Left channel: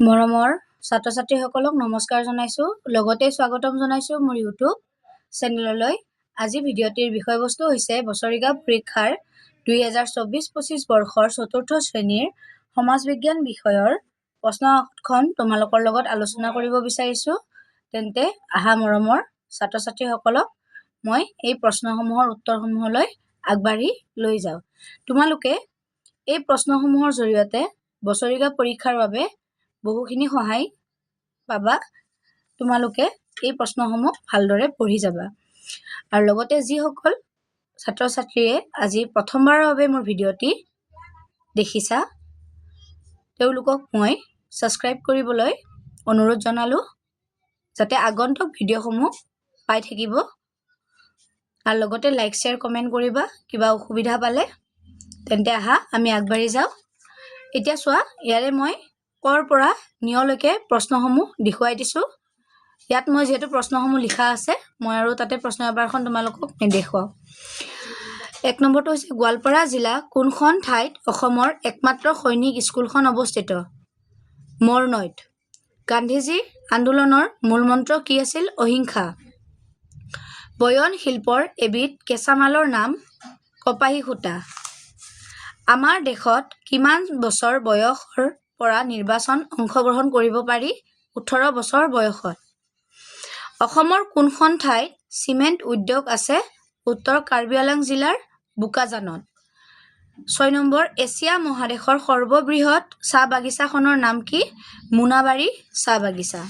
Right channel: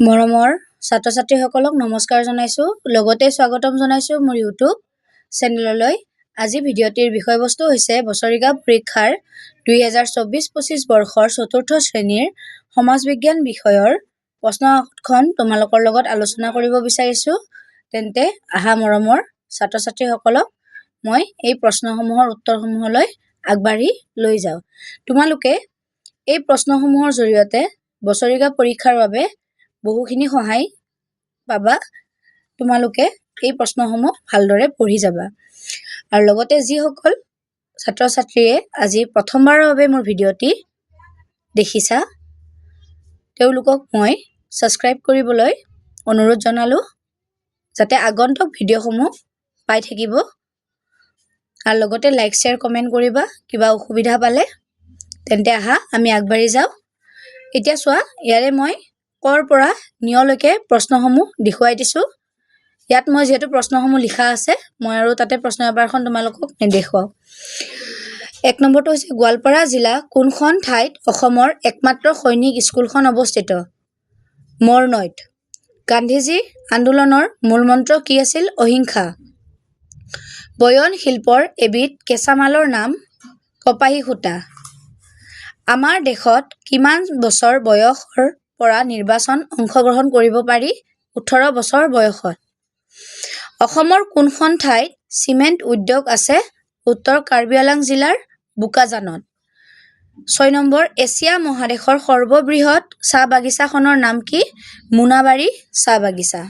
মৰমৰ ছাত্ৰ ছাত্ৰীসকলক নমস্কাৰ জনাইছোঁ লগতে স্বাগতম জনাইছোঁ মোৰ ইউটিউব চেনেললৈ। আজি ভিডিঅ'টিৰ বিষয়বস্তু হৈছে বছৰিকা পৰীক্ষাৰ 2024-25 বৰ্ষৰ চতুৰ্থ শ্ৰেণীৰ সমাজ বিজ্ঞান বিষয়ৰ প্ৰশ্নখন তোমালোকৰ লগত আলোচনা কৰিব বিচাৰিছোঁ। তেন্তে আহা মৰমৰ ছাত্ৰ ছাত্ৰীসকলক মই এই প্ৰশ্নসমূহৰ উত্তৰসমূহলৈ আগবাঢ়ি লৈ যাওঁ। তোমালোকে এই প্ৰশ্নসমূহৰ জৰিয়তে বছৰিকা পৰীক্ষাৰ বাবে বহুখিনি সহায় পাবা। তোমালোকে এই প্ৰশ্নসমূহ ভালদৰে পঢ়ি যাবা আৰু লগতে যিসকল ছাত্ৰ ছাত্ৰীয়ে আজি প্ৰথমবাৰৰ বাবে মোৰ ভিডিঅ'টি দেখিছা তেওঁলোকক মই ছাবস্ক্ৰাইব কৰিবলৈ অনুৰোধ জনালোঁ, যাতে আগন্তুক ভিডিঅ'সমূহ পাই থাকিব। আৰু লগতে লাইক শ্বেয়াৰ কমেণ্ট কৰিবা কিবা অসুবিধা পালে। তেন্তে আহা আমি আগবাঢ়ি যাওঁ। এতিয়া চোৱা, ইয়াৰে মই কৰ পৰা নিয়লৈকে প্ৰশ্নসমূহ দেখুৱাই দিছোঁ। ইয়াত মই যিহেতু প্ৰশ্নসমূহ লিখা আছে, মই আৰু তাতে প্ৰশ্ন পেপাৰখন তোমালোকক নেদেখুৱাওঁ। 1 নম্বৰটো হৈছে গোৱালপাৰা জিলা কোনখন ঠাইত অসমৰ একমাত্ৰ সৈনিক স্কুলখন অৱস্থিত? মৰনৈত। গান্ধীজীৰ আন্দোলনৰ মূল মন্ত্ৰ কি আছিল? অহিংসা। বয়ন শিল্পৰ এবিধ কেঁচামালৰ নাম কপাহী সূতা। আমাৰ দেশত কিমান বছৰ বয়সৰ পৰা নিৰ্বাচন অংশগ্ৰহণ কৰিব পাৰি? 18 বছৰ বয়সত। অসমৰ কোনখন ঠাইত চিমেণ্ট উদ্যোগ আছে? উত্তৰ কাৰ্বি আংলং জিলাৰ বোকাজানত। 6 নম্বৰ এছিয়া মহাদেশৰ সৰ্ববৃহৎ চাহ বাগিচাখনৰ নাম কি? মোনাবাৰী চাহ বাগিচা।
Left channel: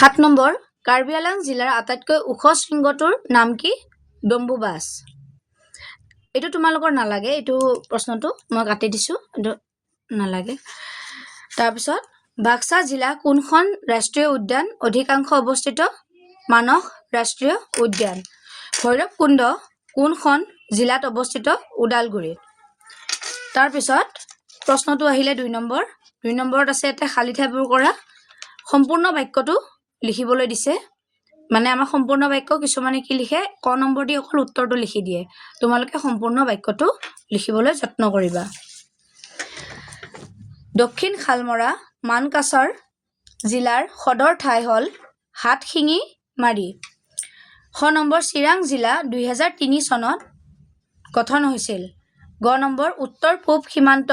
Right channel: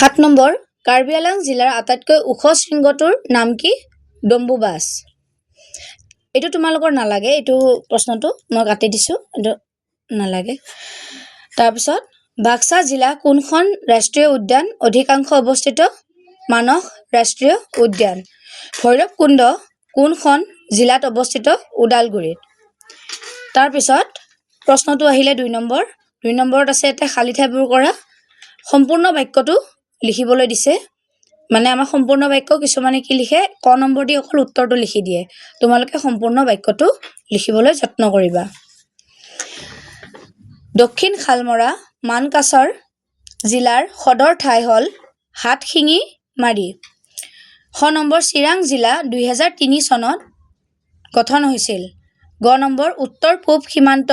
7 নম্বৰ কাৰ্বি আংলং জিলাৰ আটাইতকৈ ওখ শৃংগটোৰ নাম কি? ডম্বুবাছ। এইটো তোমালোকৰ নালাগে, এইটো প্ৰশ্নটো মই কাটি দিছোঁ, এইটো নালাগে। তাৰপিছত বাক্সা জিলা কোনখন ৰাষ্ট্ৰীয় উদ্যান অধিকাংশ অৱস্থিত? মানস ৰাষ্ট্ৰীয় উদ্যান। ভৈৰৱকুণ্ড কোনখন জিলাত অৱস্থিত? ওদালগুৰিত। তাৰপিছত প্ৰশ্নটো আহিলে 2 নম্বৰ। 2 নম্বৰত আছে এটা খালী ঠাইবোৰ কৰা। সম্পূৰ্ণ বাক্যটো লিখিবলৈ দিছে। মানে আমাৰ সম্পূৰ্ণ বাক্য কিছুমানে কি লিখে, ক নম্বৰ দি অকল উত্তৰটো লিখি দিয়ে। তোমালোকে সম্পূৰ্ণ বাক্যটো লিখিবলৈ যত্ন কৰিবা। দক্ষিণ শালমৰা মানকাছাৰ জিলাৰ সদৰ ঠাই হ'ল হাটশিঙিমাৰী। 6 নম্বৰ চিৰাং জিলা 2003 চনত গঠন হৈছিল। গ নম্বৰ উত্তৰ পূব সীমান্ত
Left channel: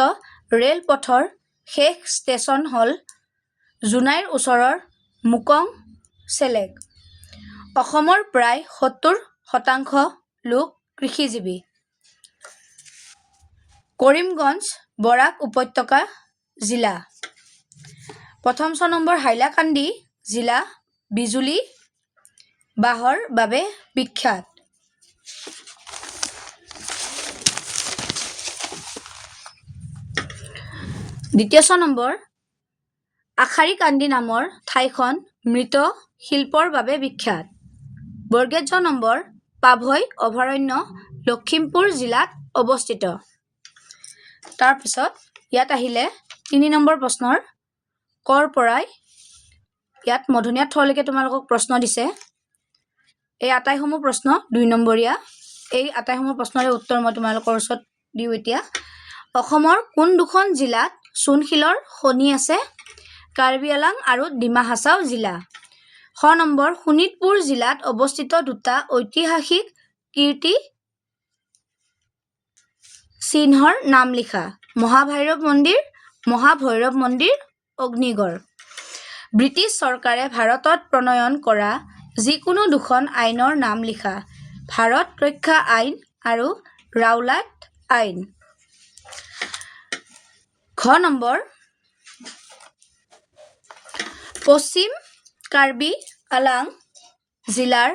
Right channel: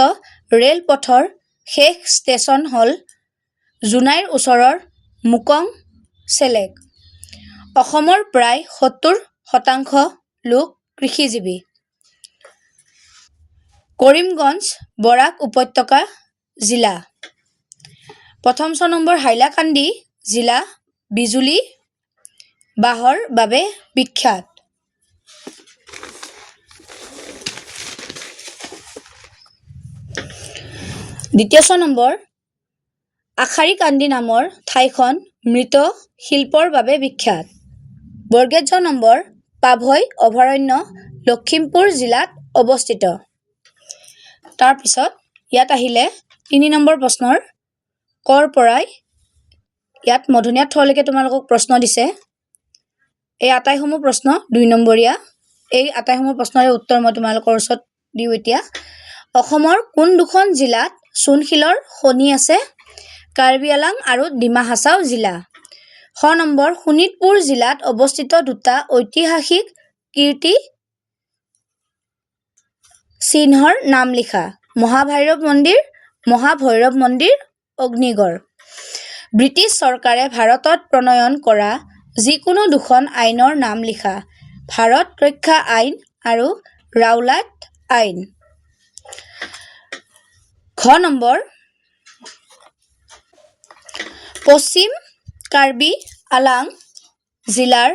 ৰেলপথৰ শেষ ষ্টেচন হ'ল জোনাইৰ ওচৰৰ মুকং চেলেক। অসমৰ প্ৰায় 70% লোক কৃষিজীৱী। কৰিমগঞ্জ বৰাক উপত্যকা জিলা। প্ৰথম 6 নম্বৰ হাইলাকান্দি জিলা বিজুলী বাঁহৰ বাবে বিখ্যাত। দ্বিতীয় 6 নম্বৰ আশাৰীকান্দি নামৰ ঠাইখন মৃৎ শিল্পৰ বাবে বিখ্যাত। বৰ্গেট নম্বৰ পাভৈ অভয়াৰণ্য লখিমপুৰ জিলাত অৱস্থিত। তাৰপিছত ইয়াত আহিলে 3 নম্বৰ প্ৰশ্নৰ কৰ পৰাই। ইয়াত মধুনীয়া থলৈকে তোমালোকক প্ৰশ্ন দিছে। এই আটাইসমূহ প্ৰশ্ন 2 নম্বৰীয়া। এই আটাইসমূহ প্ৰশ্নৰে উত্তৰ মই তোমালোকৰ ওচৰত দিওঁ এতিয়া। অসমৰ কোন দুখন জিলাত চূণশিলৰ খনি আছে? কাৰ্বি আংলং আৰু ডিমা হাছাও জিলা। 6 নম্বৰ শোণিতপুৰ জিলাত অৱস্থিত দুটা ঐতিহাসিক কীৰ্তি চিহ্নৰ নাম লিখা। মহাভৈৰৱ মন্দিৰ, অগ্নিগড়। ব্ৰিটিছ চৰকাৰে ভাৰতত প্ৰণয়ন কৰা যিকোনো দুখন আইনৰ নাম লিখা। ভাৰত ৰক্ষা আইন আৰু ৰাওলাট আইন। ঘ নম্বৰ পশ্চিম কাৰ্বি আংলং জিলাৰ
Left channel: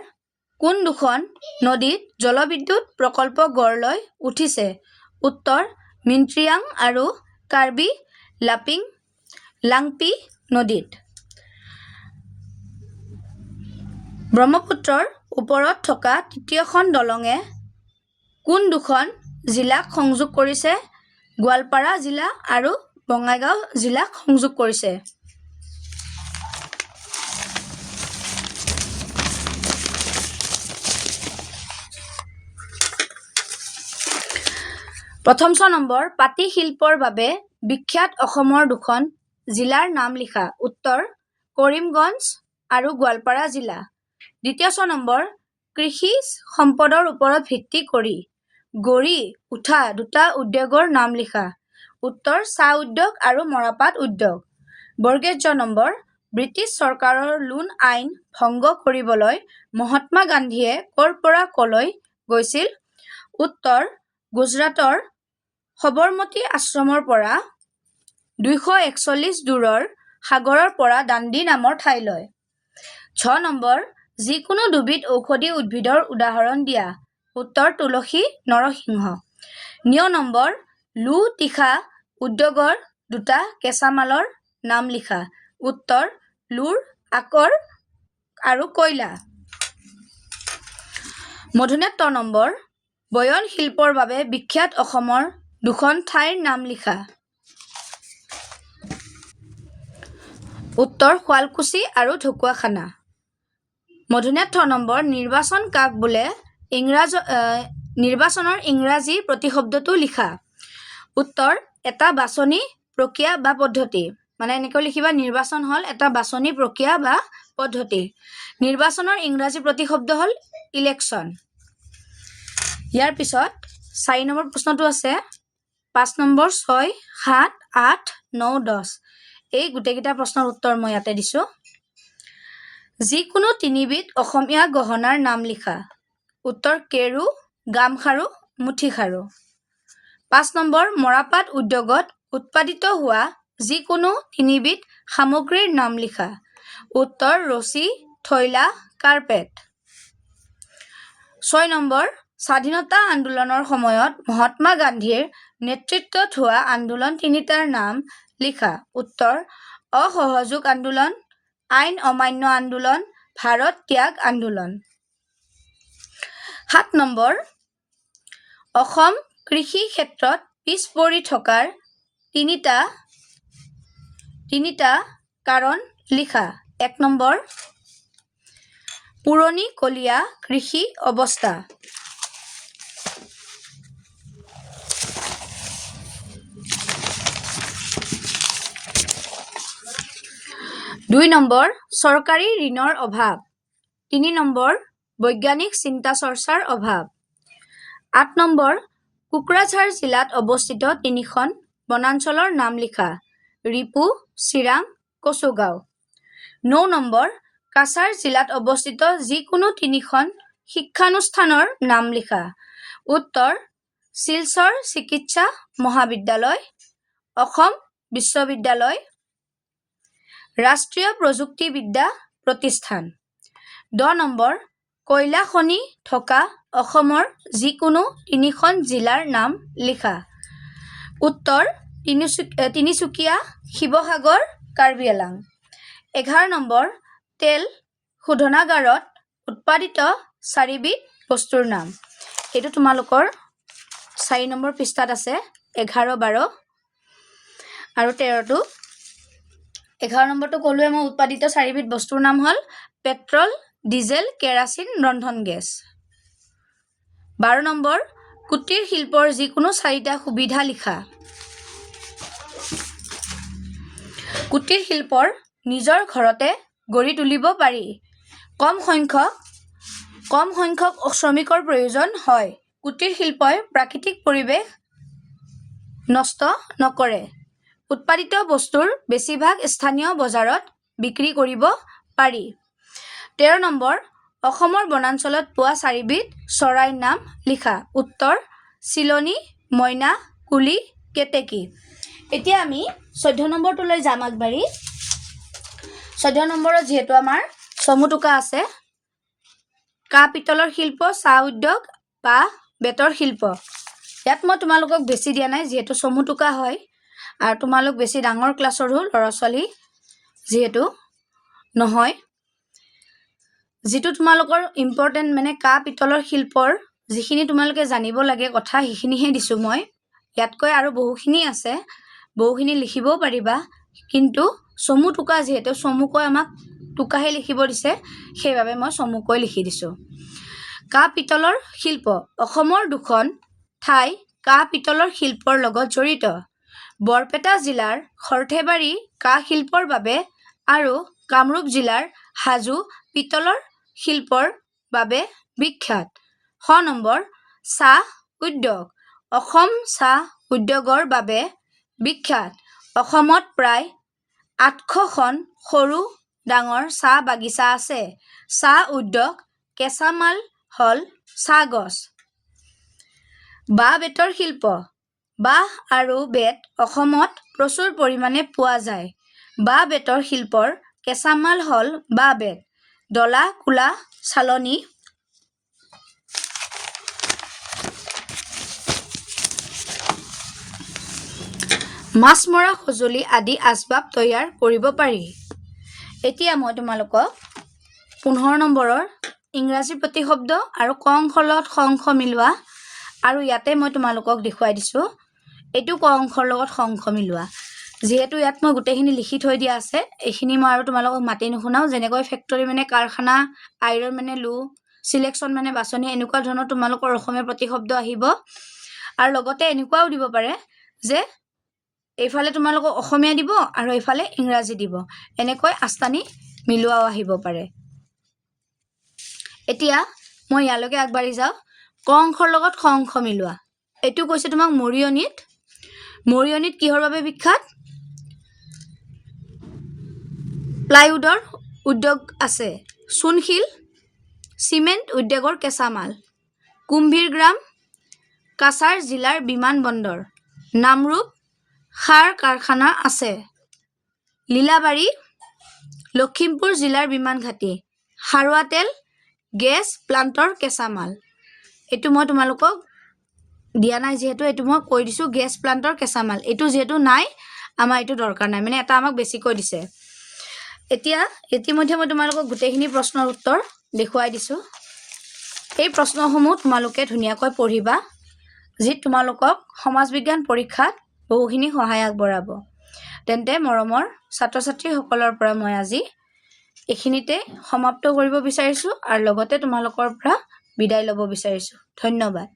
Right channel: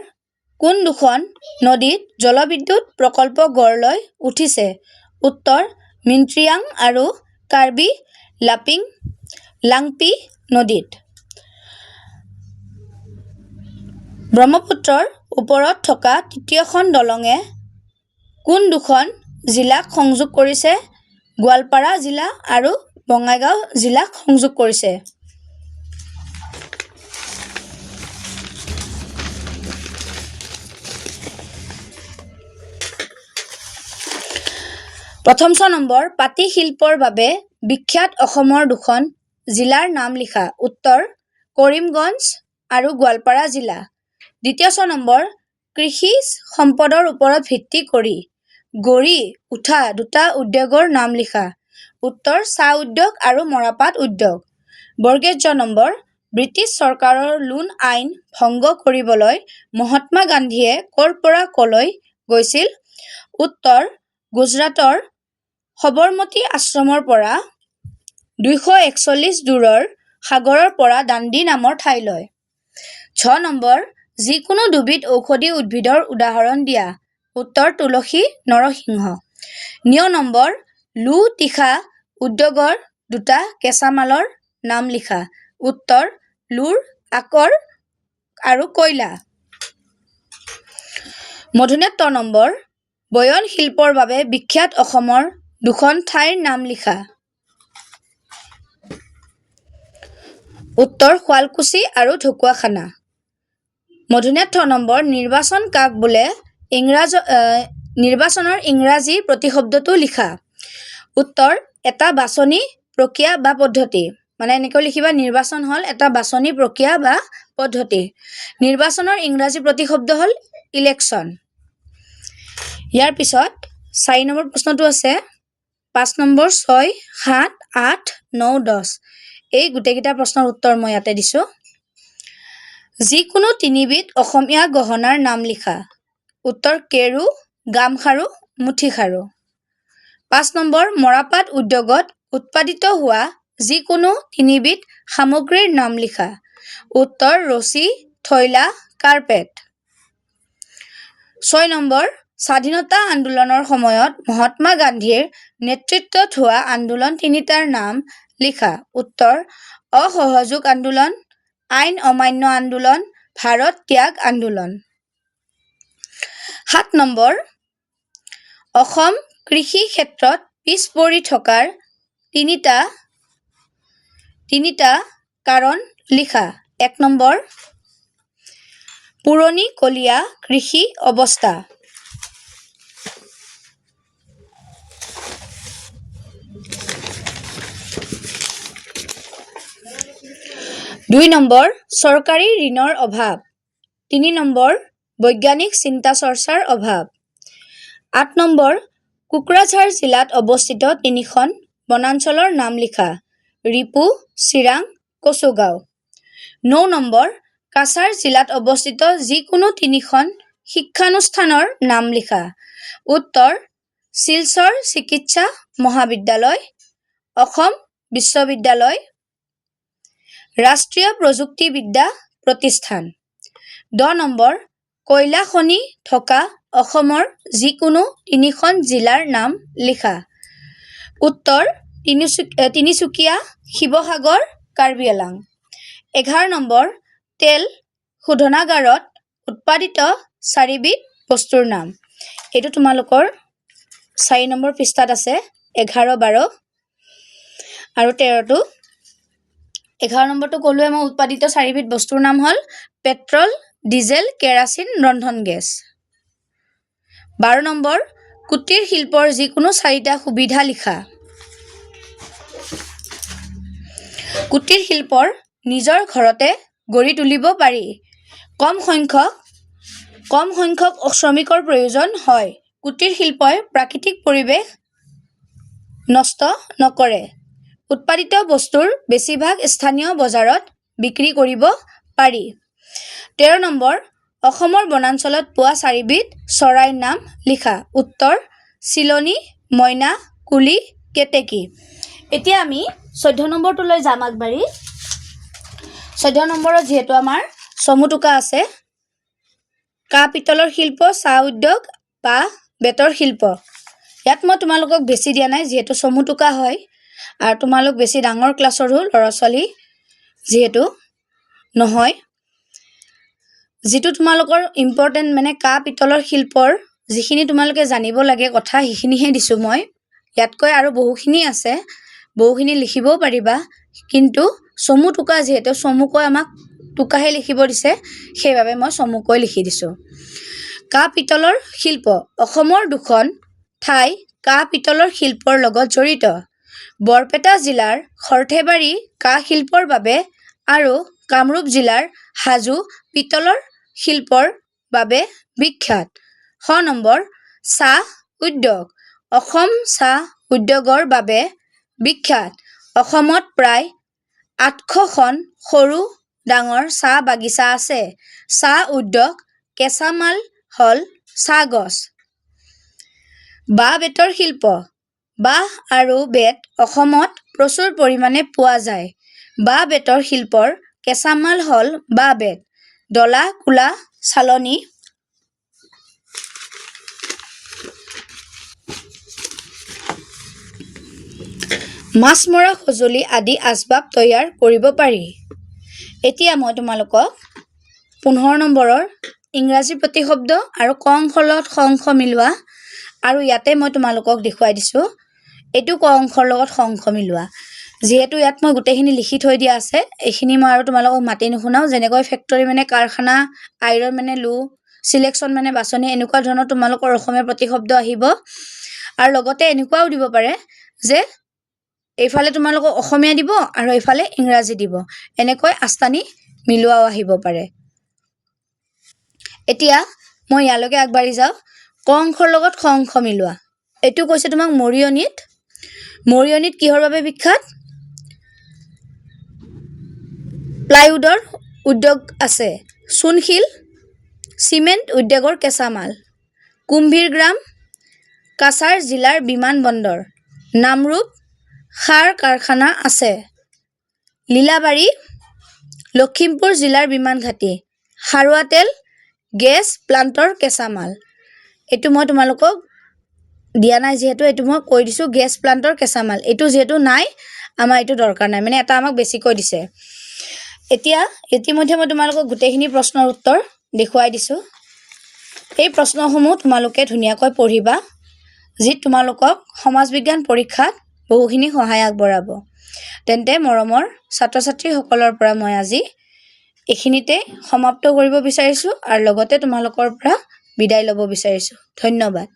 কোন দুখন নদীত জলবিদ্যুৎ প্ৰকল্প গঢ় লৈ উঠিছে? উত্তৰ মিনট্ৰিয়াং আৰু কাৰ্বি লাংপি নদীত। ব্ৰহ্মপুত্ৰৰ ওপৰত থকা তৃতীয়খন দলঙে কোন দুখন জিলাক সংযোগ কৰিছে? গোৱালপাৰা জিলা আৰু বঙাইগাঁও জিলাক সংযোগ কৰিছে। প্ৰথম ছ নম্বৰ পাটি শিল্পৰ বাবে বিখ্যাত অসমৰ দুখন জিলাৰ নাম লিখা। উত্তৰ কৰিমগঞ্জ আৰু গোৱালপাৰা জিলা। দ্বিতীয় ছ নম্বৰ কৃষি সম্পদৰ ওপৰত ভিত্তি কৰি গঢ়ি উঠা দুটা উদ্যোগৰ নাম লিখা। উত্তৰ চাহ উদ্যোগ আৰু মৰাপাট উদ্যোগ। বৰ্গীয় জ নম্বৰ ব্ৰিটিছ চৰকাৰৰ লোণ আইন ভংগ কৰিবলৈ মহাত্মা গান্ধীয়ে ক'ৰ পৰা ক'লৈ গৈছিল? উত্তৰ গুজৰাটৰ সবৰমতী আশ্ৰমৰ পৰা ২৪১ দূৰৰ সাগৰৰ পৰা দাণ্ডি নামৰ ঠাইলৈ। ছ নম্বৰ যিকোনো দুবিধ ঔষধি উদ্ভিদৰ উদাহৰণ দিয়া। উত্তৰ তুলসী নৰসিংহ। নিয় নম্বৰ লো তীখা উদ্যোগৰ দুটা কেঁচামালৰ নাম লিখা। উত্তৰ লোৰ আকৰ আৰু কয়লা। মধুনেত ত নম্বৰ বয়ন শিল্পৰ বাবে বিখ্যাত অসমৰ দুখন ঠাইৰ নাম লিখা। উত্তৰ শুৱালকুছি আৰু ঢকুৱাখানা। মধুনেত ঠ নম্বৰ নিৰ্বাচন কাক বোলে? নিৰ্বাচনৰ ইংৰাজী প্ৰতিশব্দটো লিখা। উত্তৰ এটা বাছনি প্ৰক্ৰিয়া বা পদ্ধতি। মানে এনেকৈ লিখিবা নিৰ্বাচন হ'ল এটা বাছনি প্ৰক্ৰিয়া বা পদ্ধতি। নিৰ্বাচনৰ ইংৰাজী প্ৰতিশব্দ হ'ল ইলেকশ্যন। ইয়াৰ পিছত ৪ নম্বৰ প্ৰশ্নটো আছে ৫ নম্বৰ ৬, ৭, ৮, ৯, ১০। এই গোটেইকেইটা প্ৰশ্নৰ উত্তৰ মই ইয়াতে দিছোঁ। যিকোনো তিনিবিধ অসমীয়া গহনাৰ নাম লিখা। উত্তৰ কেৰু, গামখাৰু, মুঠিখাৰু। ৫ নম্বৰ মৰাপাট উদ্যোগত উৎপাদিত হোৱা যিকোনো তিনিবিধ সামগ্ৰীৰ নাম লিখা। উত্তৰ ৰছী, থৈলা, কাৰ্পেট। ৬ নম্বৰ স্বাধীনতা আন্দোলনৰ সময়ত মহাত্মা গান্ধীৰ নেতৃত্বত হোৱা আন্দোলন তিনিটাৰ নাম লিখা। উত্তৰ অসহযোগ আন্দোলন, আইন অমান্য আন্দোলন, ভাৰত ত্যাগ আন্দোলন। ৭ নম্বৰ অসম কৃষি ক্ষেত্ৰত পিছ পৰি থকাৰ তিনিটা কাৰণ লিখা। ১ নম্বৰ পুৰণিকলীয়া কৃষি অৱস্থা। ২ নম্বৰ চৰকাৰী ঋণৰ অভাৱ। ৩ নম্বৰ বৈজ্ঞানিক চিন্তা চৰ্চাৰ অভাৱ। ৮ নম্বৰ কোকৰাঝাৰ জিলাত অৱস্থিত তিনিখন বনাঞ্চলৰ নাম লিখা। ৰিপু, চিৰাং, কচুগাঁও। ৯ নম্বৰ কাছাৰ জিলাত অৱস্থিত যিকোনো তিনিখন শিক্ষানুষ্ঠানৰ নাম লিখা। উত্তৰ শিলচৰ চিকিৎসা মহাবিদ্যালয়, অসম বিশ্ববিদ্যালয়, ৰাষ্ট্ৰীয় প্ৰযুক্তিবিদ্যা প্ৰতিষ্ঠান। ১০ নম্বৰ কয়লা খনি থকা অসমৰ যিকোনো তিনিখন জিলাৰ নাম লিখা। উত্তৰ তিনিচুকীয়া, শিৱসাগৰ, কাৰ্বি আংলং। ১১ নম্বৰ তেল শোধনাগাৰত উৎপাদিত ৪বিধ বস্তুৰ নাম। এইটো তোমালোকৰ ৪ নম্বৰ পৃষ্ঠাত আছে। ১১, ১২ আৰু ১৩টো। ১১ নম্বৰটো ক'লোৱে মই উৎপাদিত ৪বিধ বস্তুৰ নাম হ'ল পেট্ৰল, ডিজেল, কেৰাচিন, ৰন্ধন গেছ। ১২ নম্বৰ কুটীৰ শিল্পৰ যিকোনো ৪টা সুবিধা লিখা। কুটীৰ শিল্পৰ নিজৰ ঘৰতে গঢ়ি তুলিব পাৰি। কম সংখ্যক শ্ৰমিকৰ প্ৰয়োজন হয়। কুটীৰ শিল্পই প্ৰাকৃতিক পৰিৱেশ নষ্ট নকৰে। উৎপাদিত বস্তুৰ বেছিভাগ স্থানীয় বজাৰত বিক্ৰী কৰিব পাৰি। ১৩ নম্বৰ অসমৰ বনাঞ্চলত পোৱা ৪বিধ চৰাইৰ নাম লিখা। উত্তৰ চিলনী, মইনা, কুলি, কেতেকী। এতিয়া আমি ১৪ নম্বৰটোলৈ যাম আগবাঢ়ি। ১৪ নম্বৰত যিহেতু আমাৰ চমুটোকা আছে, কাঁহ পিতলৰ শিল্প, চাহ উদ্যোগ বা বেতৰ শিল্প। ইয়াত মই তোমালোকক বেছি দিয়া নাই যিহেতু চমুটোকা হয় আৰু তোমালোক বেছি ডাঙৰ ক্লাছৰো ল'ৰা ছোৱালী যিহেতু নহয়। যিটো তোমালোকৰ ইম্পৰ্টেণ্ট মানে কাঁহ পিতলৰ শিল্পৰ যিখিনি তোমালোকে জানিব লাগে কথা সেইখিনিহে দিছোঁ মই। ইয়াতকৈ আৰু বহুখিনি আছে, বহুখিনি লিখিবও পাৰিবা, কিন্তু চমুটোকা যিহেতু চমুকৈ আমাক টোকাহে লিখিব দিছে, সেইবাবে মই চমুকৈ লিখি দিছোঁ। কাঁহ পিতলৰ শিল্প অসমৰ দুখন ঠাই কাঁহ পিতলৰ শিল্পৰ লগত জড়িত। বৰপেটা জিলাৰ সৰ্থেবাৰী কাঁহ শিল্পৰ বাবে আৰু কামৰূপ জিলাৰ হাজো পিতলৰ শিল্পৰ বাবে বিখ্যাত। 6 নম্বৰ, চাহ উদ্যোগ। অসম চাহ উদ্যোগৰ বাবে বিখ্যাত। অসমত প্ৰায় 800খন সৰু ডাঙৰ চাহ বাগিচা আছে। চাহ উদ্যোগ কেঁচা মাল হ'ল চাহ গছ। বাঁহ-বেতৰ শিল্প। বাঁহ আৰু বেত অসমত প্ৰচুৰ পৰিমাণে পোৱা যায়। বাঁহ-বেতৰ শিল্পৰ কেঁচা মাল হ'ল বাঁহ-বেত, ডলা, কুলা, চালনী, মাছ মৰা সঁজুলি আদি আচবাব তৈয়াৰ কৰিব পাৰি। এতিয়া মই তোমালোকক 15 নম্বৰৰ ইংৰাজী প্ৰতিশব্দ আৰু ক অংশৰ লগত খ অংশ মিলোৱা আৰু ইয়াতে মই তোমালোকক দেখুৱাই দিছোঁ এইটো ক অংশৰ লগত খ অংশ মিলোৱা। যিহেতু ইয়াত মই গোটেইখিনি লিখি থৈ দিয়া আছে, এইখিনি মই আৰু তোমালোকক মাতি নুশুনাও। যেনেকৈ ফেক্টৰী মানে কাৰখানা, আইৰণ মানে লো, চিলেকশ্যন মানে বাছনি, এনেকুৱা ধৰণৰ তোমালোকৰ অসমীয়া প্ৰতিশব্দ আহিব। আৰু লগতে এনেকুৱাও দিব পাৰে যে এইফালে তোমালোকক অসমীয়া দিব আৰু এইফালে ইংৰাজী দিব, এনেকৈ আস্তানি মিলোৱাও আহিব পাৰে। এতিয়া মই ইয়ালৈকে আগবাঢ়ি যাওঁ। ক অংশৰ লগত খ অংশ মিলোৱা। এইটো কৈছে তোমাক মৰিয়নিত। মৰিয়নিত কিহৰ বাবে বিখ্যাত? প্লাইউডৰ উদ্যোগ আছে। চূণশিল, চিমেণ্ট উদ্যোগৰ কেঁচা মাল। কুম্ভীৰগ্ৰাম কাছাৰ জিলাৰ বিমানবন্দৰ। নামৰূপ সাৰ কাৰখানা আছে। লীলাবাৰী লখিমপুৰ জিলাৰ বিমান ঘাটি। খাৰুৱা গেছ প্লাণ্টৰ কেঁচা মাল। এইটো মই তোমালোকক দিয়া নাই, যিহেতু এইটো মই কৈ দিছোঁ গেছ প্লাণ্টৰ কেঁচা মাল। এইটো যিহেতু নাই, আমাৰ এইটো দৰকাৰ নাই, মানে এটা আমাক বেছিকৈ দিছে। এতিয়া ইতিমধ্যে মই তোমালোকক গোটেইখিনি প্ৰশ্নৰ উত্তৰ দেখুৱাই দিছোঁ। এই প্ৰশ্নসমূহ তোমালোকে ধুনীয়াকৈ পঢ়িবা, যি তোমালোকক সমাজ বিজ্ঞান পৰীক্ষাত বহুখিনি সহায় আগবঢ়াব। তেন্তে মৰমৰ ছাত্ৰ ছাত্ৰীসকলৰ পৰা মই আজি এইখিনিতে সমাপ্ত কৰিব বিচাৰিছোঁ আৰু লগতে তোমালোকৰ পৰা বিদায় ল'ব বিচাৰিছোঁ। ধন্যবাদ।